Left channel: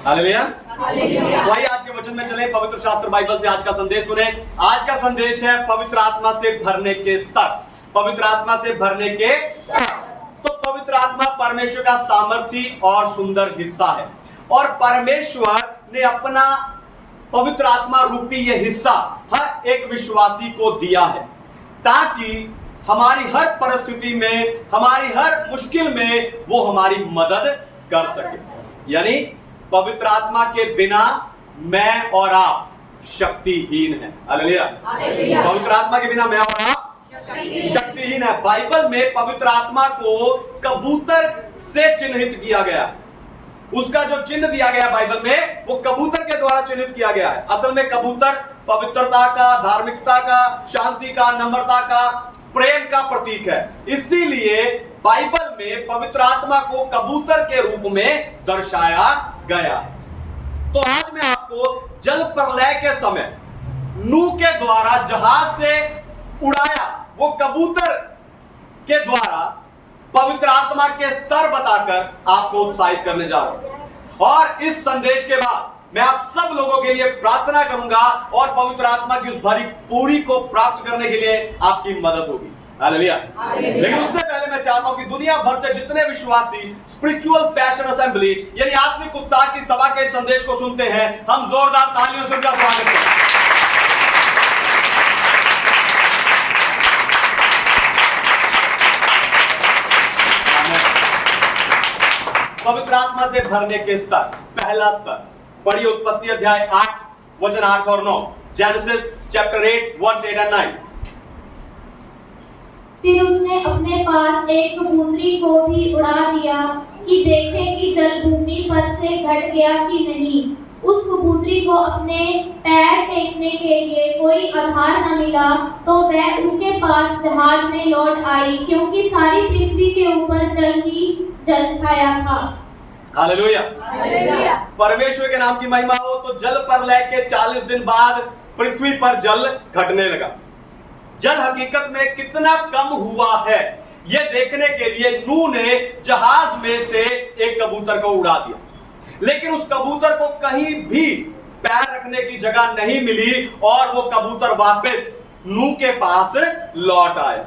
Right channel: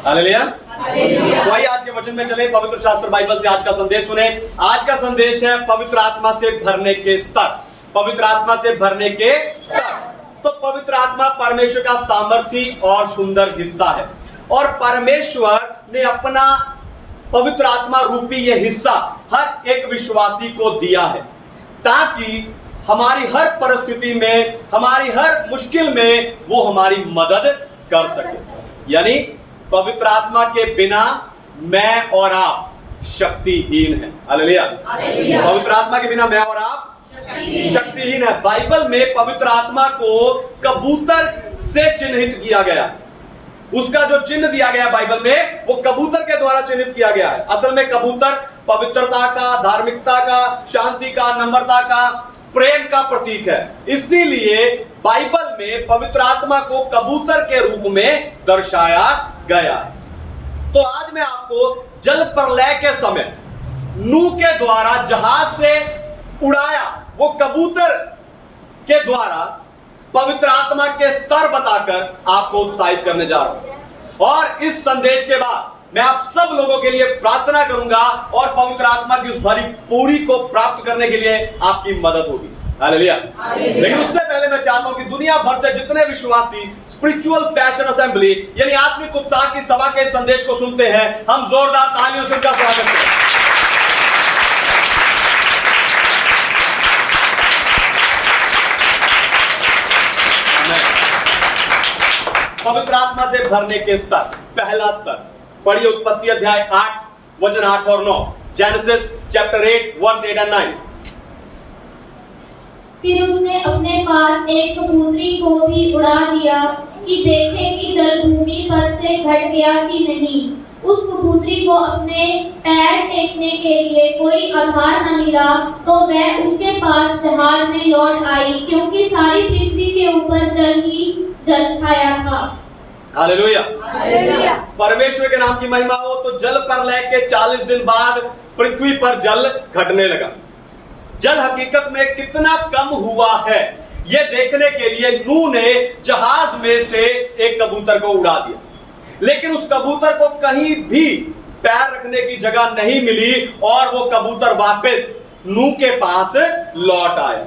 Hallelujah. वही आज के वचन में चले, पवित्र शास्त्र बाइबल से आज का संदेश सुने। आज का संदेश है पवित्र आत्मा से भरने के स्तर। पवित्र आत्मा से भरने के स्तर। तो पवित्र आत्मा परमेश्वर का सामर्थी और सुंदर हिस्सा है, और परमेश्वर ने अपना पवित्र आत्मा रूपी यह हिस्सा हर एक विश्वासी को दिया है, ताकि हमारी हर परिस्थिति में, हमारी हर मुश्किल में वो हमारी मदद कर सके। यानी पवित्र आत्मा के बिना मैं और आप शक्तिहीन हैं। हालेलुया। पवित्र आत्मा के बिना मैं और आप शक्तिहीन है। बाइबल में पवित्र आत्मा को कबूतर से चिन्हित किया गया। उसका जो चिन्ह दिया गया बाइबल में, वो कबूतर के द्वारा चिन्हित किया गया है। असल में कबूतर पवित्रता का, धार्मिकता का, शांति का, नम्रता का, प्रेम का प्रतीक है। इसीलिए बाइबल में पवित्र आत्मा को कबूतर के रूप में दर्शाया गया है। तो आज मैं आपको जल प्रलय के समय नूह के द्वारा जहाज से उड़ाया वो कबूतर के द्वारा पवित्र आत्मा के स्तर बताकर आपको उत्साहित करने जा रहा हूं। और इस संदेश के बाद मैं आप सब लोगों के लिए प्रार्थना करूंगा, और पवित्र आत्मा की उस भरी पूरी को प्राप्त करने के लिए आपकी मदद होगी। हालेलुया। लेकिन उससे पहले मैं चाहता हूं कि दुनिया भर से जितने विश्वासी स्पिरिचुअल पैशन असेंबली यानी आत्मिक उत्साह की सभा के संदेश को सुनते हैं, हम जोरदार तालियों से उनका स्वागत करें। पवित्र आत्मा से भरने के स्तर। पहला स्तर पढ़िए उत्पत्ति अध्याय 8 वचन 8 और 9। जेनेसिस चैप्टर 8 वर्स 8 और 9। फिर उसने अपने पास एक कबूतरी को भी उड़ा दिया कि देखे कि जल भूमि पर से घट गया कि नहीं। उस कबूतरी को अपने पैर टेकने के लिए कोई आधार न मिला, तो वह उसके पास जहाज में लौट आई, क्योंकि सारी पृथ्वी के ऊपर जल ही जल छाया था। हालेलुया। परमेश्वर के नाम की महिमा हो। तो जल प्रलय के 40 दिन बाद पृथ्वी पर जल घटने लगा। जल हकीकत में कितना कम हुआ है, यह देखने के लिए नूह ने जहाज में से एक कबूतर को उड़ा दिया, लेकिन उस कबूतर को कहीं भी पैर रखने की जगह नहीं मिली, और वो कबूतर वापस नूह के पास लौट आया।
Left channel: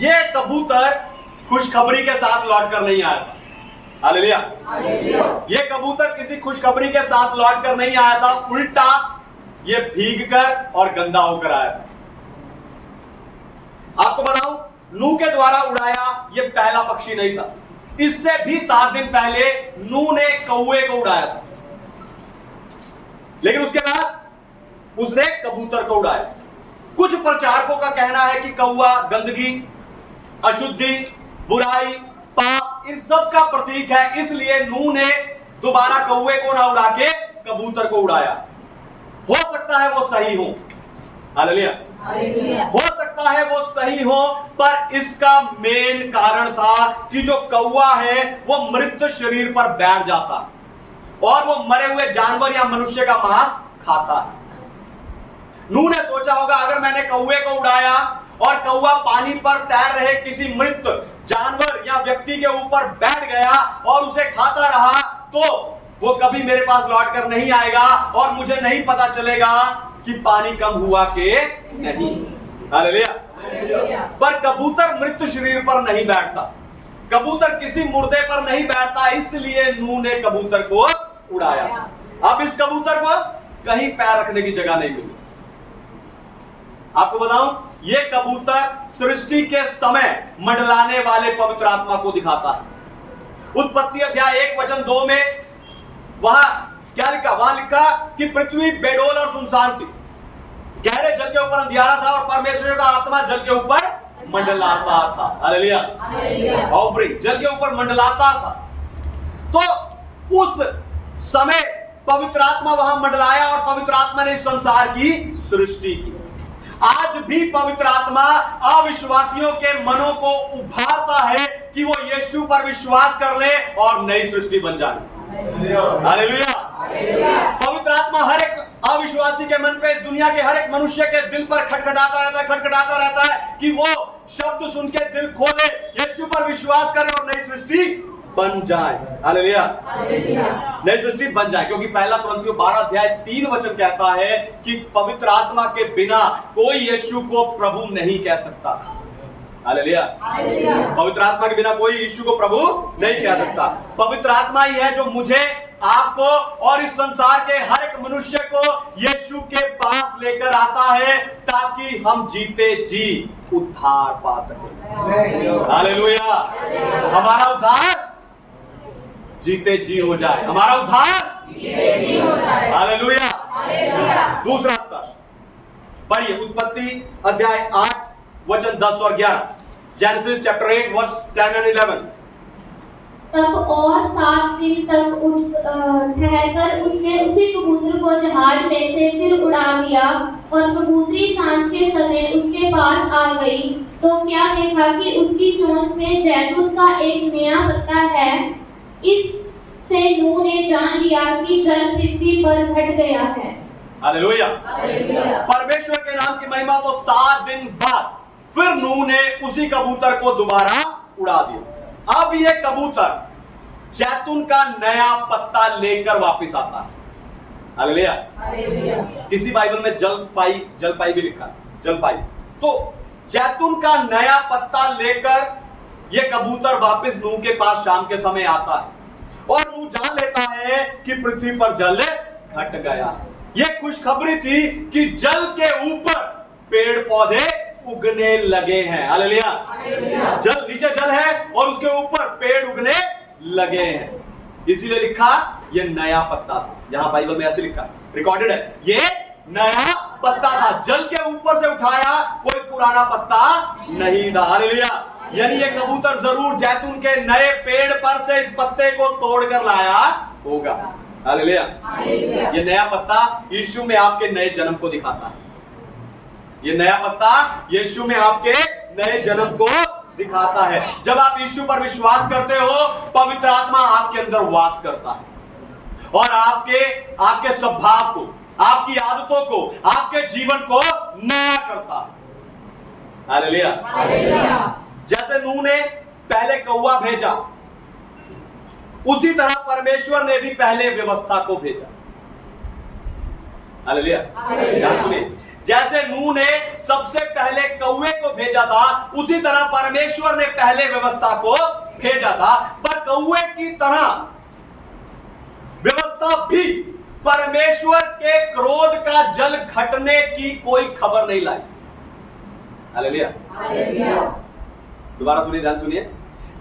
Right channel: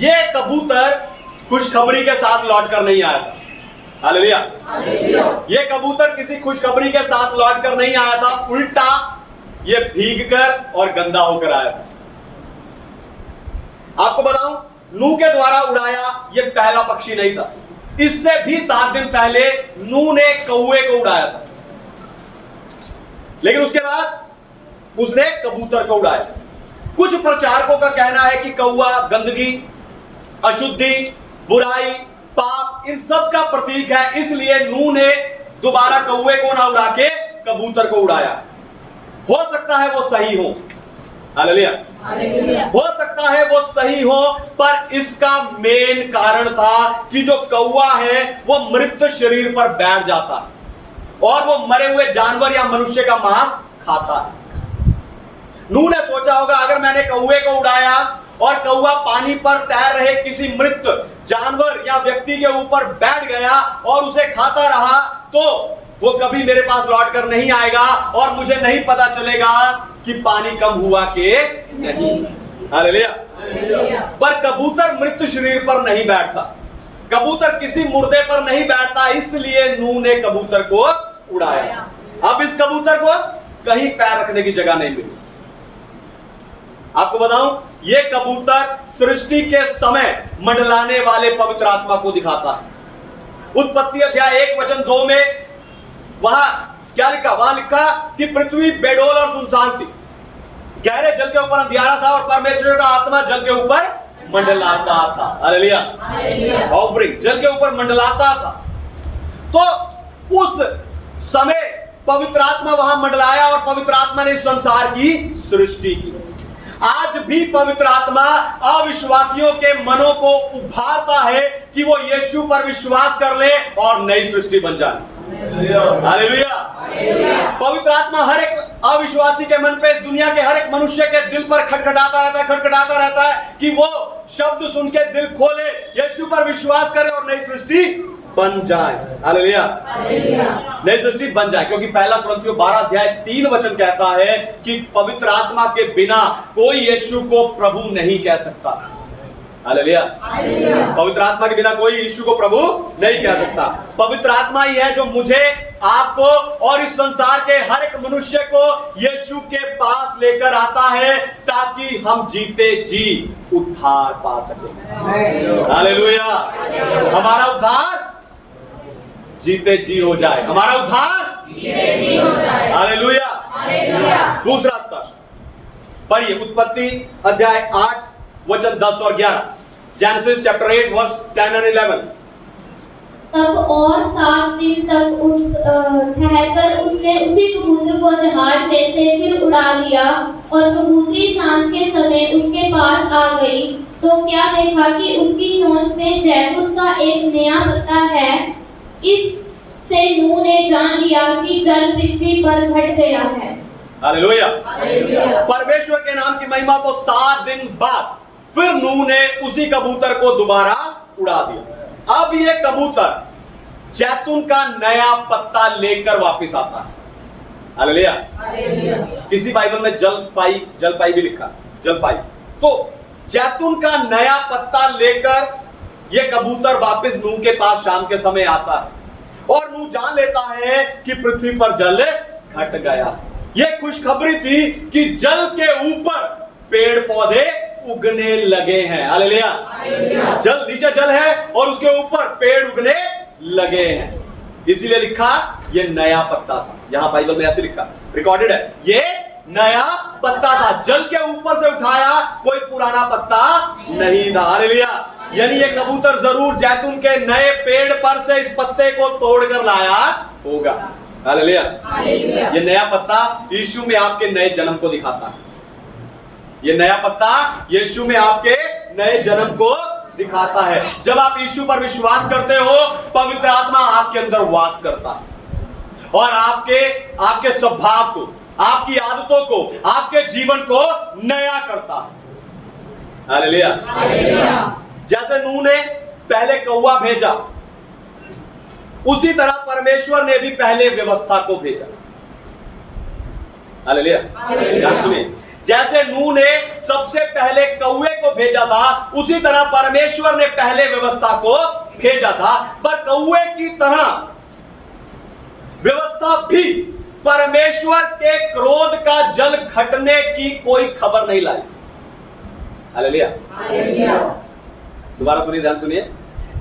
यह कबूतर खुशखबरी के साथ लौट कर नहीं आया था। हालेलुया। ये कबूतर किसी खुशखबरी के साथ लौट कर नहीं आया था, उल्टा ये भीग कर और गंदा होकर आया था। आपको बताऊं, नूह के द्वारा उड़ाया ये पहला पक्षी नहीं था। इससे भी 7 दिन पहले नूह ने कौवे को उड़ाया था, लेकिन उसके बाद उसने कबूतर को उड़ाया। कुछ प्रचारकों का कहना है कि कौवा गंदगी, अशुद्धि, बुराई, पाप, इन सब का प्रतीक है, इसलिए नूह ने दोबारा कौवे को ना उड़ा के कबूतर को उड़ाया। हो सकता है वो सही हो। हालेलुया। हो सकता है वो सही हो, पर इसका मेन कारण था कि जो कौवा है वो मृत शरीर पर बैठ जाता है और वो मरे हुए जानवर या मनुष्य का मांस खाता है। नूह ने सोचा होगा, अगर मैंने कौवे को उड़ाया और कौवा पानी पर तैर रहे किसी मृत जानवर या व्यक्ति के ऊपर बैठ गया और उसे खाता रहा, तो वो कभी मेरे पास लौट कर नहीं आएगा और मुझे नहीं पता चलेगा कि पानी कम हुआ कि नहीं। हालेलुया। पर कबूतर मृत शरीर पर नहीं बैठता, कबूतर किसी मुर्दे पर नहीं बैठता, इसलिए नूह ने कबूतर को उड़ाया। अब इस कबूतर को कहीं पैर रखने की जगह नहीं मिली। आपको बताऊं, यह कबूतर सृष्टि के समय मंडलाने वाले पवित्र आत्मा को दिखाता है। उत्पत्ति अध्याय 1 वचन 2 में वहां क्या लिखा? वहां लिखा कि पृथ्वी बेडोल और सुनसान थी, गहरे जल के ऊपर अंधियारा था और परमेश्वर का आत्मा जल के ऊपर मंडलाता था। हालेलुया। ऑफरिंग जल के ऊपर मंडलाता था। तो उस समय पवित्र आत्मा वहां मंडलाया और पवित्र आत्मा ने इस संसार की सृष्टि की। आज भी पवित्र आत्मा अविश्वासियों के मनों को उभारता है कि वो यीशु पर विश्वास कर ले और नई सृष्टि बन जाए। हालेलुया। पवित्र आत्मा हर एक अविश्वासी के मन पे, इस दुनिया के हर एक मनुष्य के दिल पर खटखटाता रहता है कि वो शब्द सुन के दिल खोले, यीशु पर विश्वास करे और नई सृष्टि बन जाए। हालेलुया। नई सृष्टि बन जाए, क्योंकि पहला कुरिन्थियों 12 अध्याय 3 वचन कहता है कि पवित्र आत्मा के बिना कोई यीशु को प्रभु नहीं कह सकता। हालेलुया। पवित्र आत्मा के बिना कोई यीशु को प्रभु नहीं कह सकता। पवित्र आत्मा ही है जो मुझे, आपको और इस संसार के हर एक मनुष्य को यीशु के पास लेकर आता है, ताकि हम जीते जी उद्धार पा सके। हालेलुया। हमारा उद्धार जीते जी हो जाए, हमारा उद्धार जीते जी हो जाए। हालेलुया। दूसरा स्तर पढ़िए, उत्पत्ति अध्याय 8 वचन 10 और 11। Genesis chapter 8 verse 10 and 11। तब और 7 दिन तक ठहरकर उसने उसी कबूतर को जहाज में से फिर उड़ा दिया, और कबूतरी सांझ के समय उसके पास आ गई, तो क्या देखा कि उसकी चोंच में जैतून का एक नया पत्ता है। इससे नूह ने जान लिया कि जल पृथ्वी पर घट गया है। हालेलुया। परमेश्वर के नाम की महिमा। तो 7 दिन बाद फिर नूह ने उसी कबूतर को दोबारा उड़ा दिया। अब ये कबूतर जैतून का नया पत्ता लेकर वापस आता है। हालेलुया। किसी बाइबल में जलपाई भी लिखा है, जलपाई। तो जैतून का नया पत्ता लेकर यह कबूतर वापस नूह के पास शाम के समय आता है, और नूह जान लेता है कि पृथ्वी पर जल घट गया। यह खुशखबरी थी कि जल के ऊपर पेड़ पौधे उगने लगे हैं। हालेलुया। जल, नीचे जल है और उसके ऊपर पेड़ उगने लगे हैं। इसीलिए लिखा ये नया पत्ता था। यहां बाइबल में ऐसे लिखा, रिकॉर्डेड है, ये नया पत्ता था। जल के ऊपर से उठाया, कोई पुराना पत्ता नहीं था। हालेलुया। यानी ये कबूतर जरूर जैतून के नए पेड़ पर से इस पत्ते को तोड़कर लाया होगा। हालेलुया। ये नया पत्ता यीशु में आपके नए जन्म को दिखाता है। ये नया पत्ता यीशु में आपके नए जन्म को दिखाता है। जब आप यीशु पर विश्वास करते हो, पवित्र आत्मा आपके अंदर वास करता है और आपके स्वभाव को, आपकी आदतों को, आपके जीवन को नया करता है। हालेलुया। जैसे नूह ने पहले कौवा भेजा, उसी तरह परमेश्वर ने भी पहले व्यवस्था को भेजा। हालेलुया। ध्यान सुनिए, जैसे नूह ने सबसे पहले कौवे को भेजा था, उसी तरह परमेश्वर ने पहले व्यवस्था को भेजा था। पर कौवे की तरह व्यवस्था भी परमेश्वर के क्रोध का जल घटने की कोई खबर नहीं लाई। हालेलुया। दोबारा सुनिए, ध्यान सुनिए।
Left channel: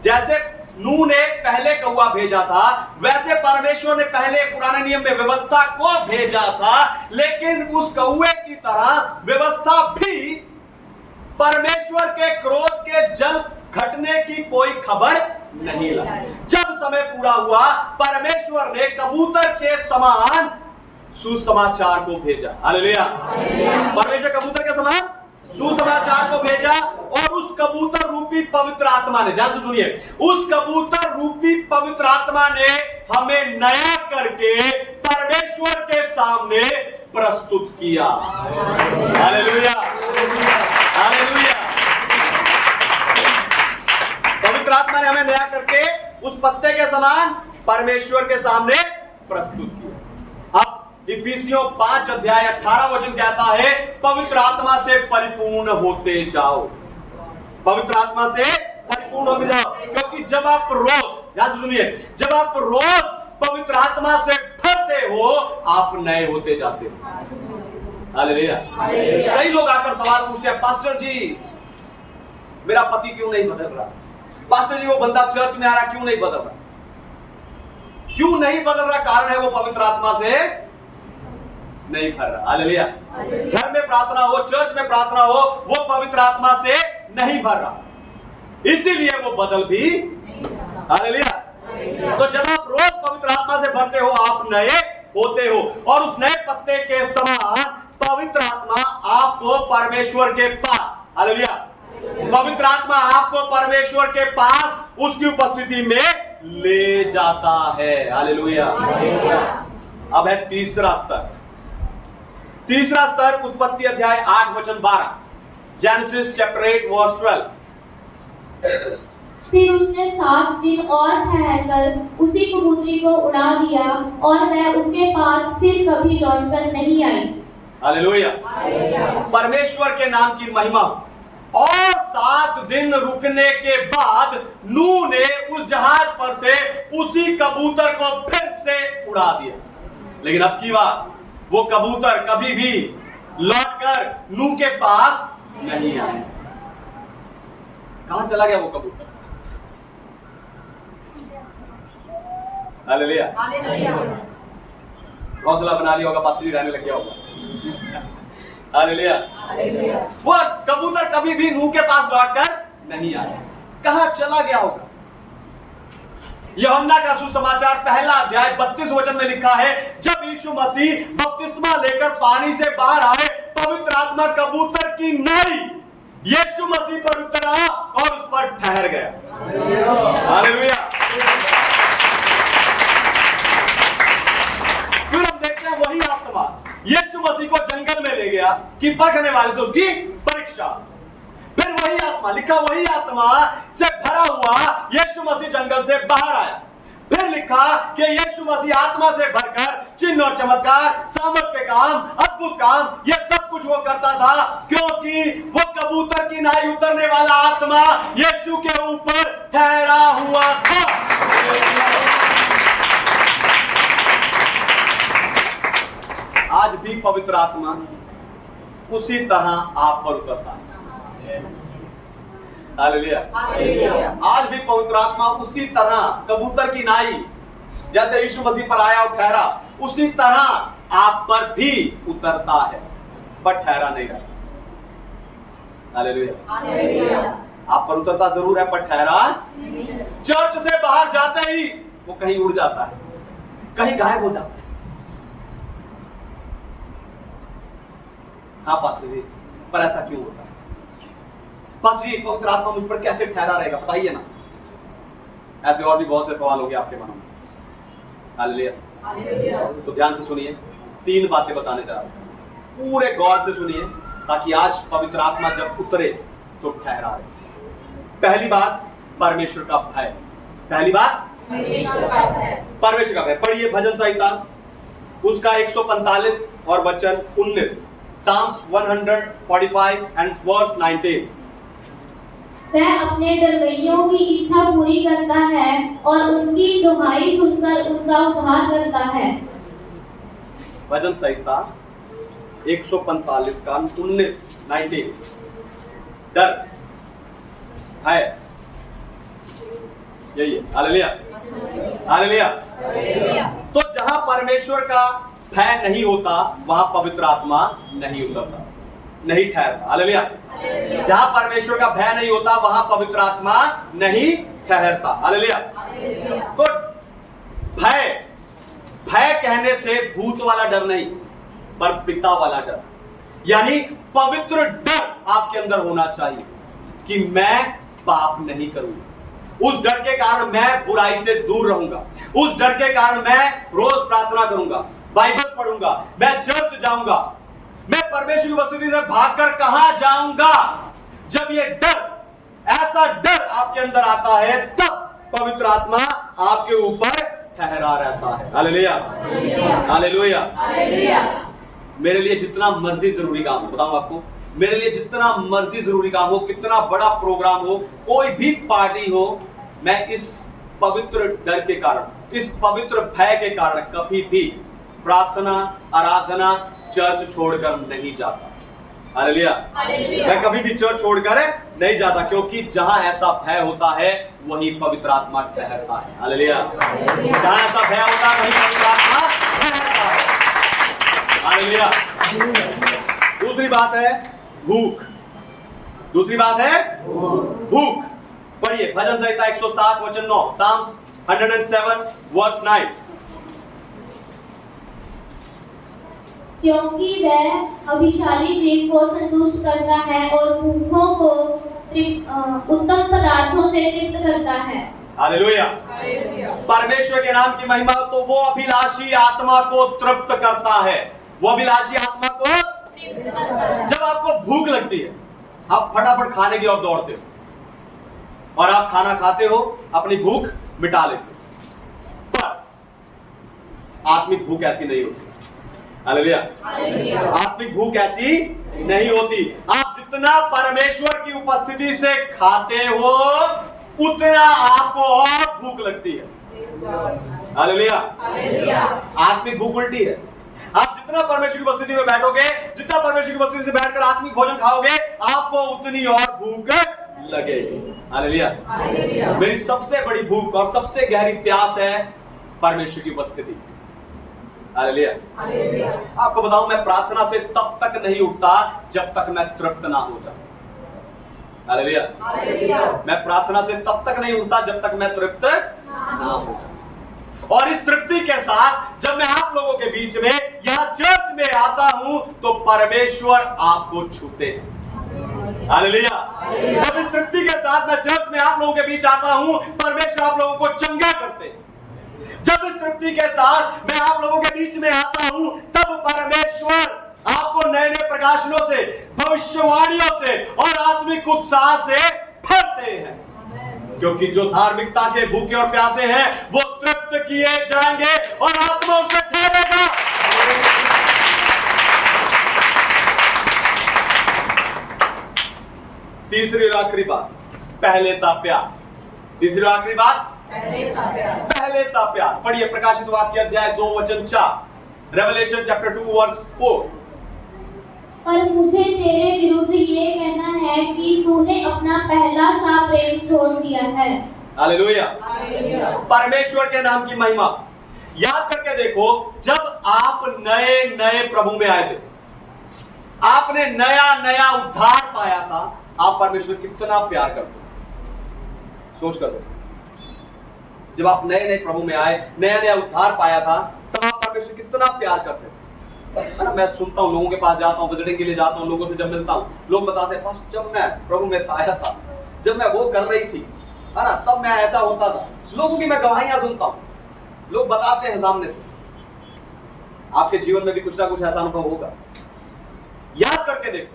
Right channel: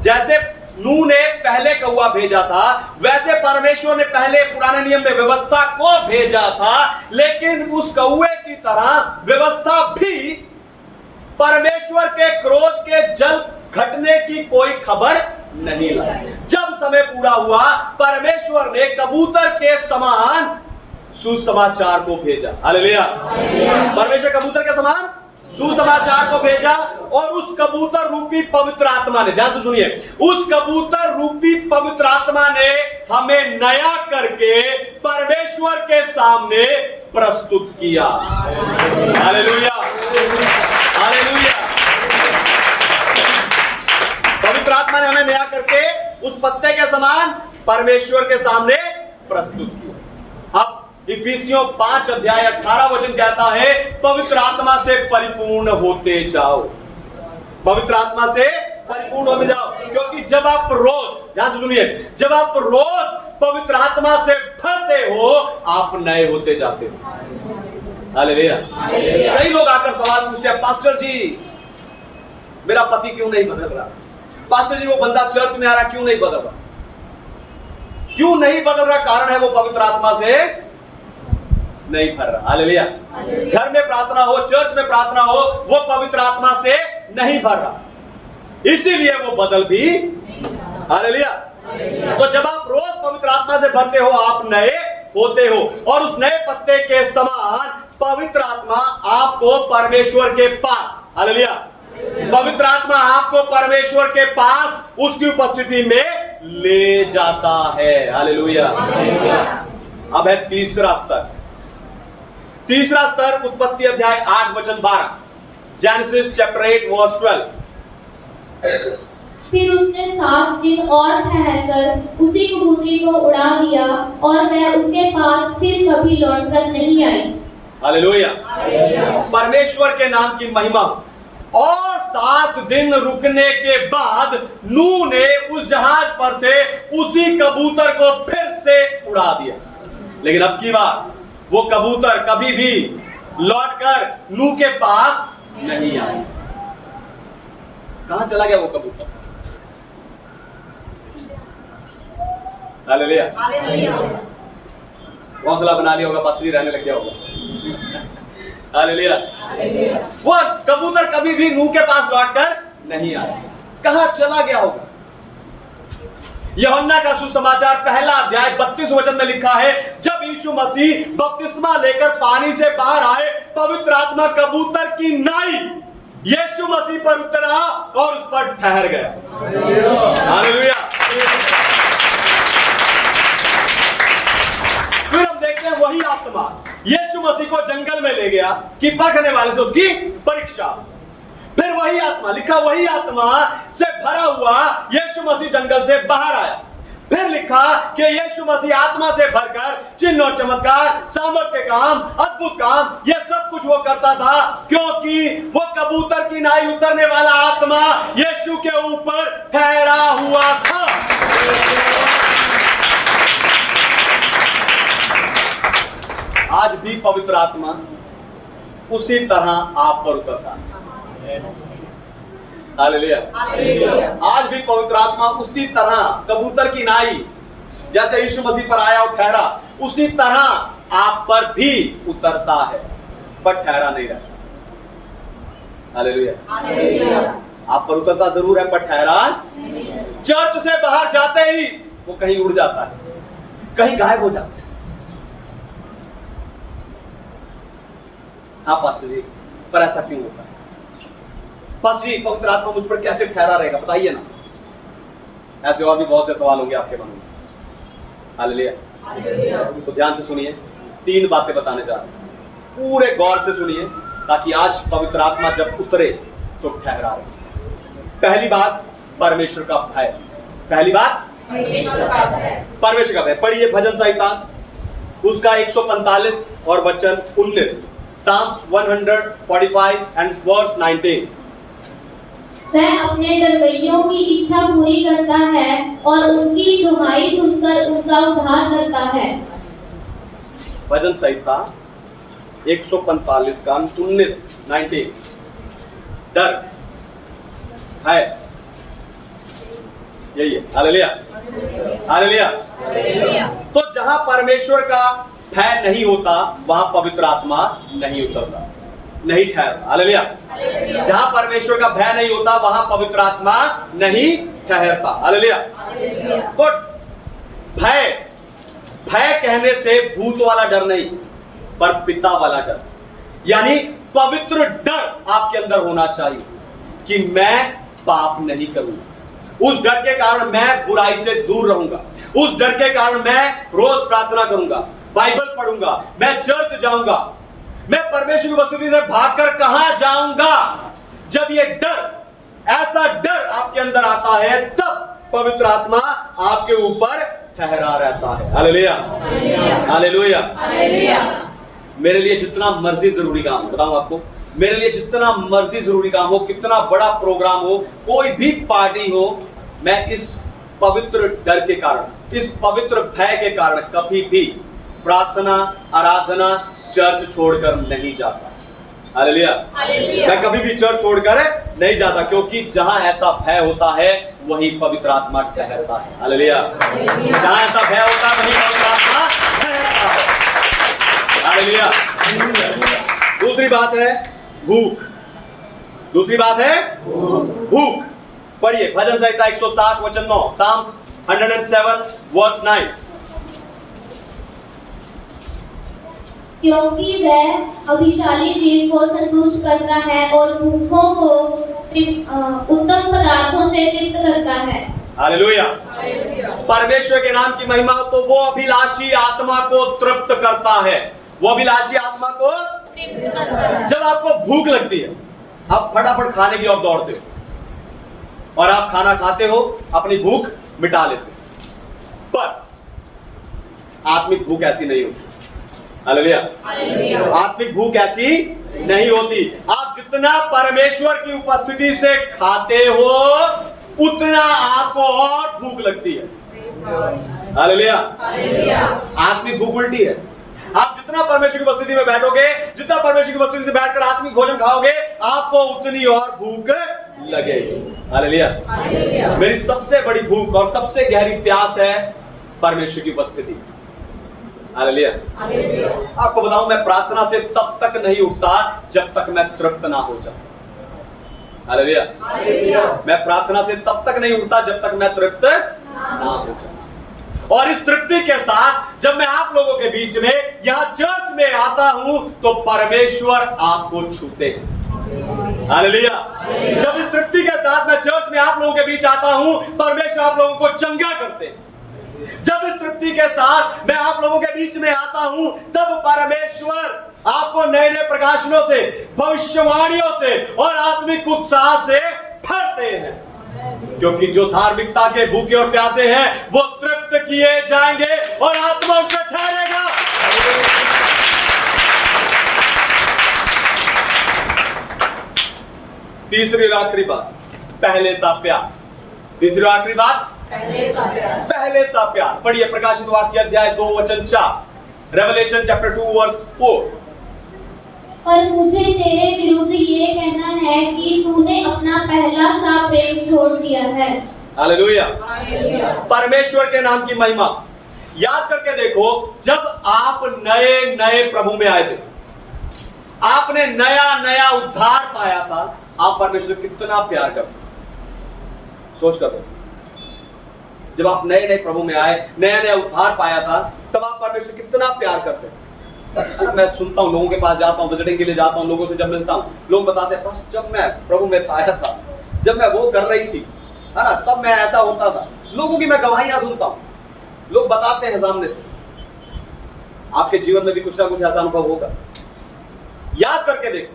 जैसे नूह ने पहले कौवा भेजा था, वैसे परमेश्वर ने पहले पुराने नियम में व्यवस्था को भेजा था, लेकिन उस कौवे की तरह व्यवस्था भी परमेश्वर के क्रोध के जल घटने की कोई खबर नहीं लाई। जब समय पूरा हुआ, परमेश्वर ने कबूतर के समान सुसमाचार को भेजा। हालेलुया। परमेश्वर कबूतर के समान सुसमाचार को भेजा, और उस कबूतर रूपी पवित्र आत्मा ने, ध्यान से सुनिए, उस कबूतर रूपी पवित्र आत्मा ने हमें नया करके परमेश्वर के सामने प्रस्तुत किया। हालेलुया। हालेलुया। पवित्र आत्मा ने हमें नया करके उस पत्ते के समान परमेश्वर के सामने प्रस्तुत किया। अब इफिसियों 5 अध्याय 18 वचन कहता है, पवित्र आत्मा से परिपूर्ण होते जाओ। पवित्र आत्मा से परिपूर्ण होते जाओ, क्योंकि जब आप रोज, ध्यान से सुनिए, जब आप रोज पवित्र आत्मा से भरते हो, आप नए होते जाते हो। हालेलुया। कई लोग आकर सवाल पूछते हैं, पास्टर जी मेरा पति क्यों नहीं बदल रहा? पास्टर जी वो बंदा चर्च में आ रहा क्यों नहीं बदल रहा? क्यों नहीं बदल रहा? कारण है वो पवित्र आत्मा से नहीं भर रहा। हालेलुया। घर में प्रार्थना हो, चर्च में प्रार्थना हो, वो पवित्र आत्मा से नहीं भर रहा, इसीलिए वो बदल भी। हालेलुया। तो जब आप रोज पवित्र आत्मा से भरते हो, आप नए होते हो, और उस नए पत्ते के समान पवित्र आत्मा आपको परमेश्वर के पास, हालेलुया, पवित्र आत्मा आपको परमेश्वर के पास उसकी उपस्थिति में ले जाता है। हालेलुया। अब है तीसरा स्तर। तीसरा स्तर उत्पत्ति अध्याय 8 वचन 12, जेनेसिस चैप्टर 8 वर्स 12। फिर उसने 7 दिन और ठहरकर उसी कबूतरी को उड़ा दिया और वह उसके पास फिर कभी लौटकर नहीं आई। हालेलुया। परमेश्वर के नाम की महिमा हो। और 7 दिन रुकने के बाद नूह ने उस जहाज पर से उसी कबूतर को फिर से उड़ा दिया। लेकिन अब की बात वो कबूतर कभी भी लौटकर नूह के पास नहीं आया। कहां चला गया वो कबूतर? हालेलुया। हौसला बना लिया होगा, पासरी रहने लग गया होगा। हालेलुया। वो कबूतर कभी भी नूह के पास लौटकर नहीं आया। कहां चला गया होगा? यूहन्ना का सुसमाचार पहला अध्याय 32 वचन में लिखा है, जब यीशु मसीह बपतिस्मा लेकर पानी से बाहर आए, पवित्र आत्मा कबूतर की नाई यीशु मसीह पर उतरा और उस पर ठहर गया। हालेलुया। फिर हम देखते हैं वही आत्मा यीशु मसीह को जंगल में ले गया कि पकड़ने वाले से उसकी परीक्षा। फिर वही आत्मा लिखा, वही आत्मा से भरा हुआ यीशु मसीह जंगल से बाहर आया। फिर लिखा कि यीशु मसीह आत्मा से भरकर चिन्ह और चमत्कार, सामर्थ के काम, अद्भुत काम, यह सब कुछ वो करता था, क्योंकि वो कबूतर की नाई उतरने वाला आत्मा यीशु के ऊपर ठहरा हुआ था। आज भी पवित्र आत्मा उसी तरह आप पर उतरता है। हालेलुया। आज भी पवित्र आत्मा उसी तरह कबूतर की नाई जैसे यीशु मसीह पर आया और ठहरा, उसी तरह आप पर भी उतरता है, पर ठहरा नहीं रहता। हालेलुया। आप पर उतरता जरूर है, पर ठहरा चर्च से बाहर जाते ही वो कहीं उड़ जाता है, कहीं गायब हो जाता है। हाँ पास्टर जी, पर ऐसा क्यों होता है? पास्टर जी, पवित्र आत्मा मुझ पर कैसे ठहरा रहेगा, बताइए ना। ऐसे और भी बहुत से सवाल होंगे आपके मन में। हालेलुया। तो ध्यान से सुनिए, 3 बातें बताने जा रहा हूं, पूरे गौर से सुनिए, ताकि आज पवित्र आत्मा जब उतरे तो ठहरा रहे। पहली बात, परमेश्वर का भय। पहली बात, परमेश्वर का भय। पढ़िए भजन संहिता उसका 145 और वचन 19, Psalms 145 and verse 19। वह अपने डरवैयों की इच्छा पूरी करता है और उनकी दुहाई सुनकर उनका उद्धार करता है। भजन संहिता 145 का 19 डर है, यही है। हालेलुया। हालेलुया। तो जहां परमेश्वर का भय नहीं होता वहां पवित्र आत्मा नहीं उतरता, नहीं ठहरता। हालेलुया। जहां परमेश्वर का भय नहीं होता वहां पवित्र आत्मा नहीं ठहरता। हालेलुया। तो भय, भय कहने से भूत वाला डर नहीं, पर पिता वाला डर, यानी पवित्र डर आपके अंदर होना चाहिए कि मैं पाप नहीं करूंगा। उस डर के कारण मैं बुराई से दूर रहूंगा। उस डर के कारण मैं रोज प्रार्थना करूंगा, बाइबल पढ़ूंगा, मैं चर्च जाऊंगा। मैं परमेश्वर की उपस्थिति से भागकर कहां जाऊंगा? जब ये डर, ऐसा डर आपके अंदर आता है, तब पवित्र आत्मा आपके ऊपर ठहरा रहता है। हालेलुया। हालेलुया। मेरे लिए जितना मर्जी जरूरी काम हो, बताऊं आपको, मेरे लिए जितना मर्जी जरूरी काम हो, कितना बड़ा प्रोग्राम हो, कोई भी पार्टी हो, मैं इस पवित्र डर के कारण, इस पवित्र भय के कारण कभी भी प्रार्थना, आराधना, चर्च छोड़कर नहीं जाता। हालेलुया। मैं कभी भी चर्च छोड़कर नहीं जाता, क्योंकि जहां ऐसा भय होता है वही पवित्र आत्मा ठहरता है। हालेलुया। जहां ऐसा भय होता है वही पवित्र आत्मा ठहरता है। हालेलुया। दूसरी बात है भूख। दूसरी बात है भूख। पढ़िए भजन संहिता 107 वचन 9, Psalms 107 verse 9। क्योंकि वह अभिशाली जीव को संतुष्ट करता है और भूखों को उत्तम पदार्थों से तृप्त करता है। हालेलुया। परमेश्वर के नाम की महिमा। तो वो अभिलाषी आत्मा को तृप्त करता है, वो अभिलाषी आत्मा को तृप्त करता है। जब आपको भूख लगती है, आप फटाफट खाने की ओर दौड़ते हो, और आप खाना खाते हो, अपनी भूख मिटा लेते हो। पर आत्मिक भूख ऐसी नहीं होती। हालेलुया। आत्मिक भूख ऐसी नहीं होती। आप जितना परमेश्वर की उपस्थिति से खाते हो उतना आपको और भूख लगती है। हालेलुया। आत्मिक भूख उल्टी है। आप जितना परमेश्वर की उपस्थिति में बैठोगे, जितना परमेश्वर की उपस्थिति से बैठकर आत्मिक भोजन खाओगे, आपको उतनी और भूख लगेगी। हालेलुया। मेरी सबसे बड़ी भूख और सबसे गहरी प्यास है परमेश्वर की उपस्थिति। हालेलुया। आपको बताऊं, मैं प्रार्थना से तब तक नहीं उठता जब तक मैं तृप्त ना हो जाऊं। हालेलुया। मैं प्रार्थना से तब तक नहीं उठता जब तक मैं तृप्त ना हो जाऊं। और इस तृप्ति के साथ जब मैं आप लोगों के बीच में यहां चर्च में आता हूं तो परमेश्वर आपको छूते हैं। हालेलुया। जब इस तृप्ति के साथ मैं चर्च में आप लोगों के बीच आता हूं, परमेश्वर आप लोगों को चंगा करते हैं। जब इस तृप्ति के साथ मैं आप लोगों के बीच में आता हूं, तब परमेश्वर आपको नए नए प्रकाशनों से, भविष्यवाणियों से और आत्मिक उत्साह से भरते हैं। क्योंकि जो धार्मिकता के भूखे और प्यासे हैं वो तृप्त किए जाएंगे और आत्मा उनसे ठहरेगा। तीसरी और आखिरी बात, पहले सा प्यार। तीसरी और आखिरी बात, पहले सा प्यार। पढ़िए प्रकाशित वाक्य अध्याय 2:4, रेवलेशन चैप्टर 2:4। पर मुझे तेरे विरुद्ध ये कहना है कि तूने अपना पहला सा प्रेम छोड़ दिया है। हालेलुया। परमेश्वर के नाम की महिमा। याद करके देखो, जब आप नए नए प्रभु में आए थे, आपने नया नया उद्धार पाया था, आप परमेश्वर कितना प्यार करते। सोच कर देखो, जब आप नए नए प्रभु में आए, नया नया उद्धार पाया था, तब आप परमेश्वर कितना प्यार करते हैं। है ना। मैं सुनता हूँ, लोगों के पास जाता हूँ, विजिटिंग के लिए जाता हूँ, लोगों से जब मिलता हूँ, लोग बताते हैं बस जब मैं प्रभु में आया था, जब मैं वो कर रही थी, है ना, तब मैं ऐसा होता था। लोगों की मैं गवाहियां सुनता हूँ, लोग बताते हैं सामने से। आपके जीवन में भी कुछ ना कुछ ऐसा अनुभव होगा। याद करके देखो,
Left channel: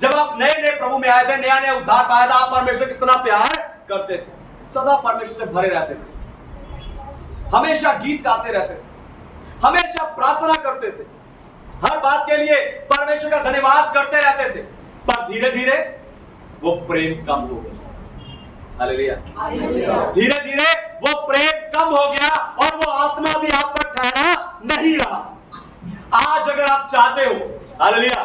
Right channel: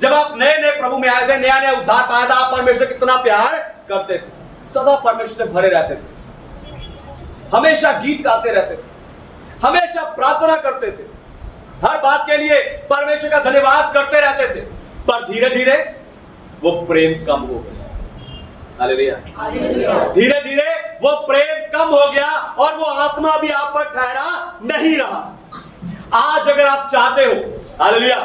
जब आप नए नए प्रभु में आए थे, नया नया उद्धार पाया था, आप परमेश्वर कितना प्यार करते थे, सदा परमेश्वर से भरे रहते थे, हमेशा गीत गाते रहते थे, हमेशा प्रार्थना करते थे, हर बात के लिए परमेश्वर का धन्यवाद करते रहते थे। पर धीरे धीरे वो प्रेम कम हो गया। हालेलुया। धीरे धीरे वो प्रेम कम हो गया और वो आत्मा भी आप पर ठहरा नहीं रहा। आज अगर आप चाहते हो, हालेलुया,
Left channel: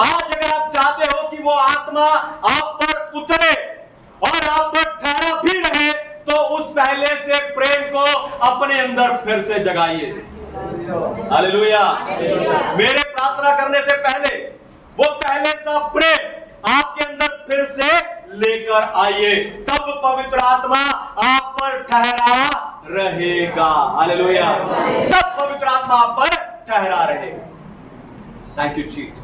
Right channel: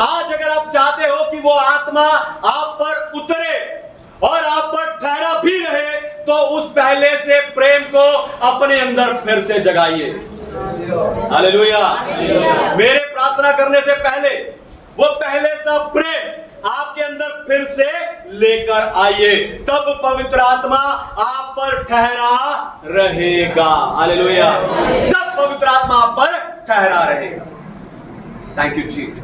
आज अगर आप चाहते हो कि वो आत्मा आप पर उतरे और आप पर ठहरा भी रहे, तो उस पहले से प्रेम को अपने अंदर फिर से जगाइए। हालेलुया। मेरे प्रार्थना करने से पहले वो पहले सा प्रेम आपके अंदर फिर से लेकर आइए, तब पवित्र आत्मा आप पर ठहरा रहेगा। हालेलुया। तब पवित्र आत्मा आप पर ठहरा रहेगा। Thank you Jesus.